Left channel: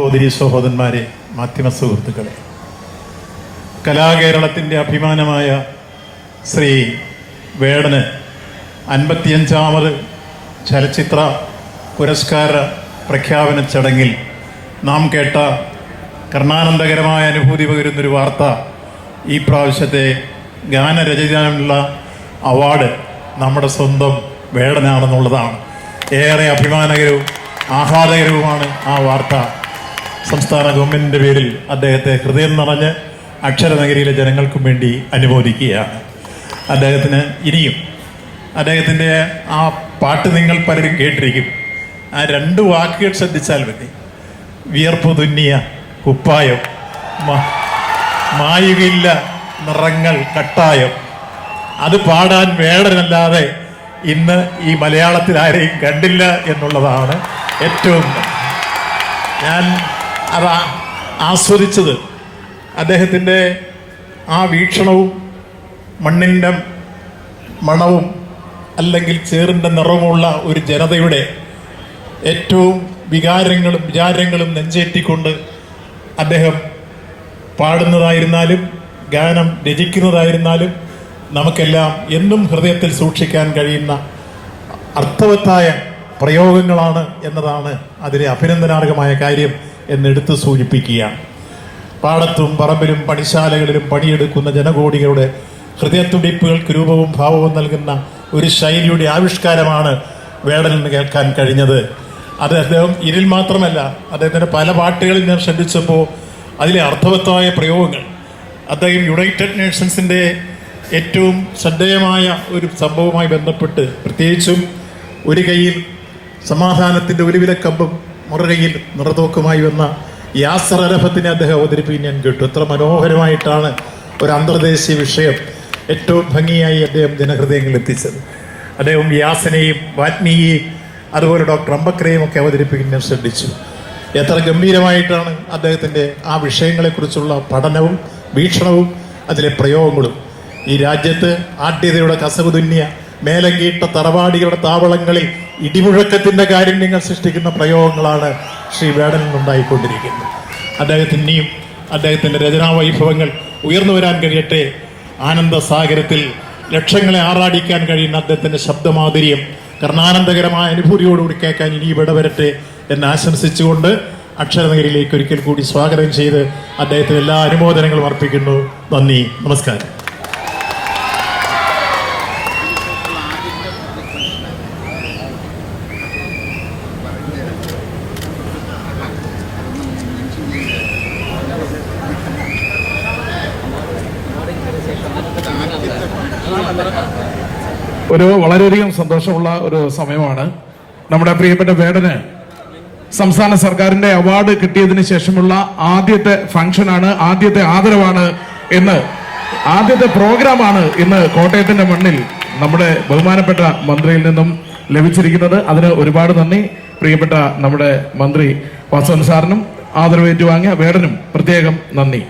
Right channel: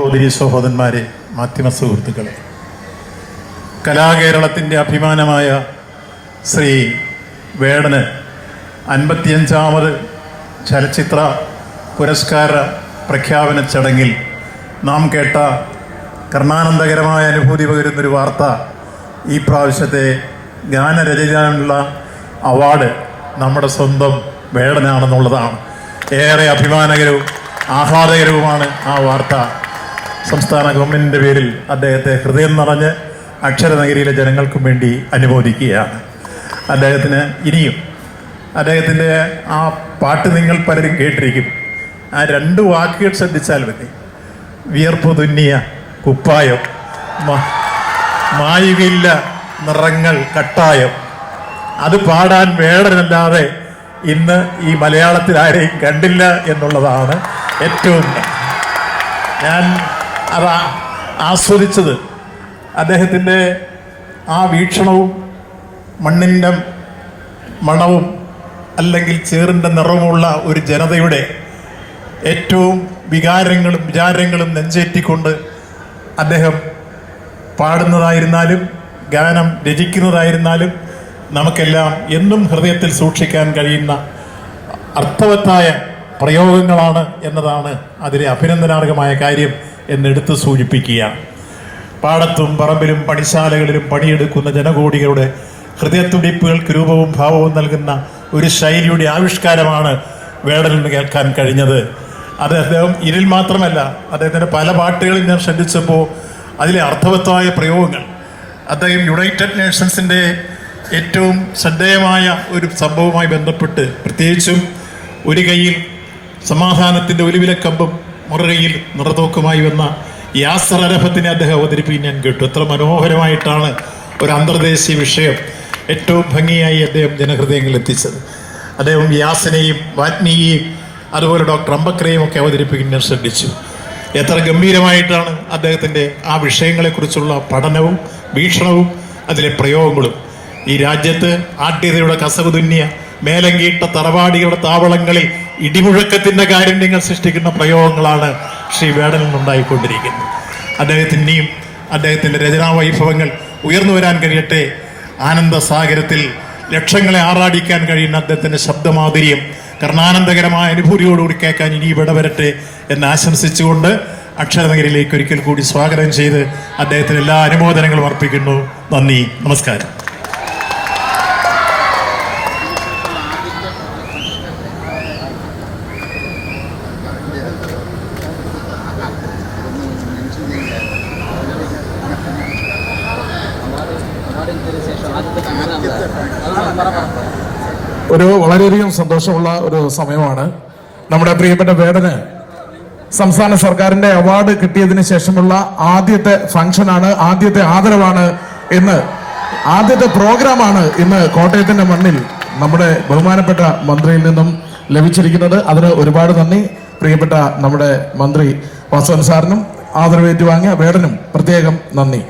സഹോദരി സഹോദരന്മാരെ, മാധ്യമ സുഹൃത്തുക്കളെ, കലാകേരളത്തിൻ്റെ അഭിമാനമായ ശ്രീ വേടന് 55ാമത് ചലച്ചിത്ര പുരസ്കാര പ്രഖ്യാപന ചടങ്ങിൽ നാം കേട്ട കർണാനന്ദകരമായ അനുഭൂതി പകരുന്നൊരു വാർത്ത, ഈ പ്രാവശ്യത്തെ ഗാനരചനയുള്ള അവാർഡ് നമ്മുടെ സ്വന്തം വേടനാണെന്നുള്ളതാണ്. ഏറെ അഭിമാനകരവും ആഹ്ലാദകരവുമാണ് ആ വാർത്ത. സംസ്ഥാന ഗവൺമെൻറ്റിൻ്റെ പേരിൽ അദ്ദേഹത്തെ ഹൃദയം നിറഞ്ഞ് അക്ഷരനഗരിയിലെ ജനങ്ങൾക്കും വേണ്ടി അനുമോദിക്കുകയാണ്. അദ്ദേഹത്തിന് ഇനിയും അദ്ദേഹത്തിൻ്റെ ആ പാട്ട് നിങ്ങൾ പലരും കേട്ടിരിക്കും. ആ 2 വാക്കുകൾ ശ്രദ്ധിച്ചാൽ മതി. വിയർപ്പ് തുന്നിയ കുപ്പായം, മായുകയില്ല നിറങ്ങൾ കട്ടായം. അത് പാടാൻ വേടനല്ലാതെ ഇന്ന് ഈ മലയാളത്തിൽ ആരെയും കണ്ടില്ല എന്നുള്ളതാണ് ഏറ്റവും. ഞാൻ അത് ആസ്വദിച്ചത് അദ്ദേഹത്തിൻ്റെ ആ വീക്ഷണവും മണ്ണിൻ്റെ മണവും അല്ലെങ്കിൽ ചേറിൻ്റെ നിറവുമുള്ള ഒരു ജനതയുടെ ഏറ്റവും വികാരങ്ങളും വിചാരങ്ങളും നെഞ്ചേറ്റിക്കൊണ്ട് അദ്ദേഹം പാടുന്നതായിരുന്നാലും ഗാനം രചിക്കുന്നതായിരുന്നാലും നമുക്കെല്ലാം എന്നും ഹൃദയത്തിൽ സൂക്ഷിക്കാൻ കഴിയുന്ന അർത്ഥവത്തായ പ്രയോഗങ്ങളാണ് എന്നതാണ് അതിലെ അഭിനന്ദനാർഹമായ കാര്യം എന്നെടുത്ത് സൂചിപ്പിക്കുകയാണ്. പാടത്തും പറമ്പിലും പണിശാലകളിലും പണിയെടുക്കുന്ന ജനകോടികളുടെ ഹൃദയത്തുടിപ്പുകൾക്ക് രൂപവും ഭാവവും നൽകുന്ന ഒരു ശൈലിയുടെ ആവിഷ്കാരമാണ് വേടനിൽ കേൾക്കാൻ കഴിഞ്ഞത്. അത് അദ്ദേഹം ഇതിൽ മാത്രമല്ല, അദ്ദേഹത്തിൻ്റെ പല പാട്ടുകളിൽ ഞാൻ ശ്രദ്ധിച്ചപ്പോൾ അതിലെ അർത്ഥവത്തായ പ്രയോഗങ്ങൾ, അദ്ദേഹം യുണൈറ്റഡ് നേഷൻസിൻ്റെ ഏറ്റവും ശ്രദ്ധേയമായ ഒരു സംഭവവുമായി ബന്ധപ്പെട്ട്, പ്രത്യേകിച്ചും ഒരു കയ്യിൽ സമാധാനത്തിൻ്റെ ഒലിവിലക്കമ്പും മറുകയിൽ നിറതോക്കുമായി വന്ന യാസർ അരഫത്തിനെ അദ്ദേഹം അവതരിപ്പിക്കാൻ ഞാൻ കേട്ടു. എത്ര മനോഹരമായിട്ടാണ് ഒരു അന്തർദേശീയ വിഷയം ഏറ്റവും ഭംഗിയായി അദ്ദേഹം ജനഹൃദയങ്ങളിൽ എത്തിച്ചത്. അദ്ദേഹം യാസിനെയും വാത്മീയെയും അതുപോലെ ഡോക്ടർ അംബക്രയും ഒക്കെ അവതരിപ്പിക്കാൻ ഞാൻ ശ്രദ്ധിച്ചു. എത്ര ഗംഭീരമായിട്ടാണ് അദ്ദേഹത്തിൻ്റെ ആ വിഷയങ്ങളെക്കുറിച്ചുള്ള പഠനവും വീക്ഷണവും അതിലെ പ്രയോഗങ്ങളും. ഈ രാജ്യത്ത് ആഢ്യതയുടെ കസവ് തുന്നിയ മേലങ്കീട്ട തറവാടികളുടെ താവളങ്ങളിൽ ഇടിമുഴക്കത്തിൻ്റെ കാരുണ്യങ്ങൾ സൃഷ്ടിക്കുന്ന പ്രയോഗങ്ങളാണ് ശ്രീ വേടനിൽ നിന്നുണ്ടായിക്കൊണ്ടിരിക്കുന്നത്. അദ്ദേഹത്തിൻ്റെയും അദ്ദേഹത്തിൻ്റെ രചനാ വൈഭവങ്ങൾ ഉയർന്നു വരാൻ കഴിയട്ടെ. ആനന്ദസാഗരത്തിൽ ലക്ഷങ്ങളെ ആറാടിക്കാൻ കഴിയുന്ന അദ്ദേഹത്തിൻ്റെ ശബ്ദമാധുര്യം കർണാനന്ദകരമായ അനുഭൂതിയോടുകൂടി കേൾക്കാൻ ഇനി ഇടവരട്ടെ എന്ന് ആശംസിച്ചുകൊണ്ട് അക്ഷരനഗരിയിലേക്ക് ഒരിക്കൽ കൂടി സ്വാഗതം ചെയ്ത് അദ്ദേഹത്തിന് എല്ലാ അനുമോദനങ്ങളും അർപ്പിക്കുന്നു. നന്ദി, നമസ്കാരം. വളരെയധികം സന്തോഷമുള്ള ഒരു സമയമാണ്. നമ്മുടെ പ്രിയപ്പെട്ട വേടന് സംസ്ഥാന സർക്കാരിന്റെ അവാർഡ് കിട്ടിയതിന് ശേഷമുള്ള ആദ്യത്തെ ഫംഗ്ഷനാണ്, ആദ്യത്തെ ആദരവാണ് ഇന്ന്, ആദ്യത്തെ പ്രോഗ്രാമാണ് ഇന്ന് കോട്ടയത്തിന്റെ മണ്ണിൽ നമ്മുടെ ബഹുമാനപ്പെട്ട മന്ത്രിയിൽ നിന്നും ലഭിച്ചിരിക്കുന്നത്. അതിന് ഒരുപാട് നന്ദി. പ്രിയപ്പെട്ട നമ്മുടെ മന്ത്രി വാസവൻ സാറിനും ആദരവേറ്റുവാങ്ങിയ വേടനും പ്രത്യേകം നന്ദി.